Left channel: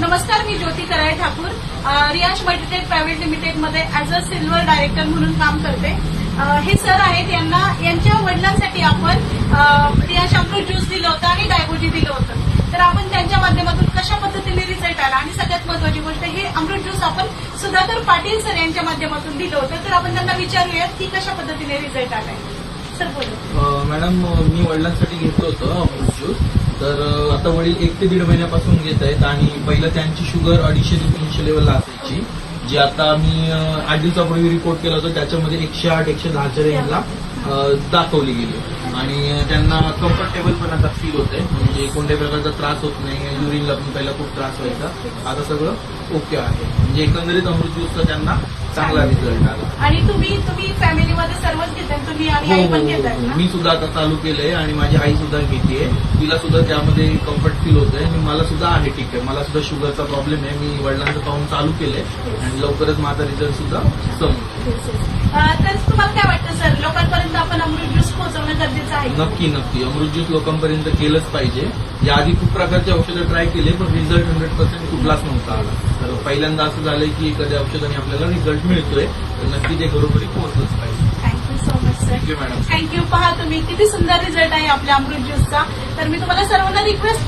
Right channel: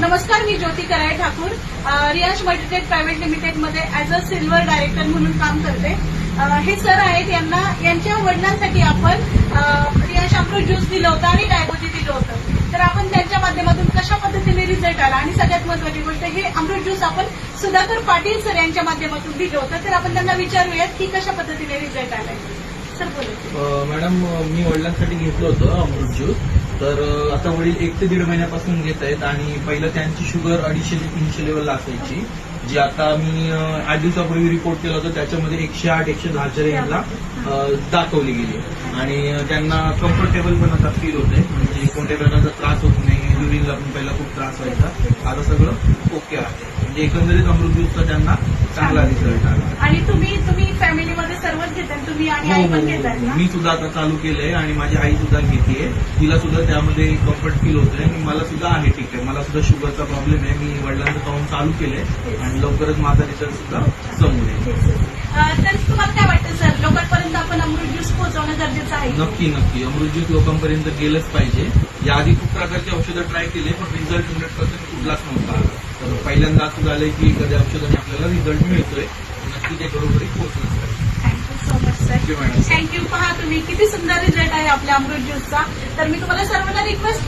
नमस्कार, मी Jyoti Karale Thakur Riyash multitech private limited मध्ये ऍज अ सिल्वर डायरेक्टर म्हणून काम करते. हे सर आहेत, यांच्या वडिलांसाठी आपण रियाश अमृत ज्यूस दिलं होतं आणि डायबोजी दिलं होतं. तर आपण त्यांच्या माध्यमातून कशा पद्धतीने रिझल्ट आला आणि सगळ्यात महत्वाची गोष्ट हे अमृत ज्यूस आपण सुधाकर पाटील सर यांच्या माध्यमातून दिलं होतं. तर आपण त्यांना विचारूयात की कशा पद्धतीने रिझल्ट आलाय. सर बोलू. मॅडम, मी वडिलांसाठी घेतलं होतं अमृत ज्यूस. तर आता वडील 1 ते 1.5 महिन्यापासून घेत आहेत आणि पहिलं त्यांची शुगर 250 ते 300 लेवलला असायची, जी आता मी 8 दिवसापूर्वी रिपोर्ट केला होता त्याच्यामध्ये 108 110च्या रेंजला दाखवली गेली आणि त्यांना कम्फर्टेबल पण आता फील होते. म्हणजे कोणत्याही प्रकारचा त्रास होत नाही. युरिनला पण पहिला खूप त्रास व्हायचा, आता सगळं ओके आहे. म्हणजे एकंदरीत अमृत ज्यूसचा त्यांना चांगला रिझल्ट आला. आणि तुम्ही फॅमिलीमध्ये सर्वच घेताय, तुम्ही आणि आई पण घेताय ना? मी सुद्धा आता चालू केलंय आणि माझी आई सुद्धा घेतेय. तिला सुद्धा त्यामध्ये कम्फर्ट फील होतंय आणि मला सुद्धा आहे. ठीक आहे, मला सुद्धा शुगरचा प्रॉब्लेम आहे. मी वडिलांचं पाहून चालू केलंय आणि लवकरच माझा रिझल्ट सुद्धा समोर येईल. तर तुम्हाला काय वाटतं सर, लोकांपर्यंत आपण अमृत ज्यूस पोहोचवणं गरजेचं आहे? नक्की नक्की अमृत ज्यूस लोकांपर्यंत गेलंच पाहिजे. याआधी खूप प्रकारचे औषधं ट्राय केले पण रिझल्ट 100% कुठलाच नव्हता आला. तर पहिल्यांदा असं झालंय की एखाद्या औषधाने आपल्याला रिझल्ट मिळतोय, तर नक्की ते घरोघरी पोहोचलंच पाहिजे. Thank you so much sir. Thank you madam. Thank you. पहा तुम्ही किती सुंदर रिझल्ट आहे आपल्या अमृत ज्यूसचा. तर मी तुम्हाला सर्वांना रिक्वेस्ट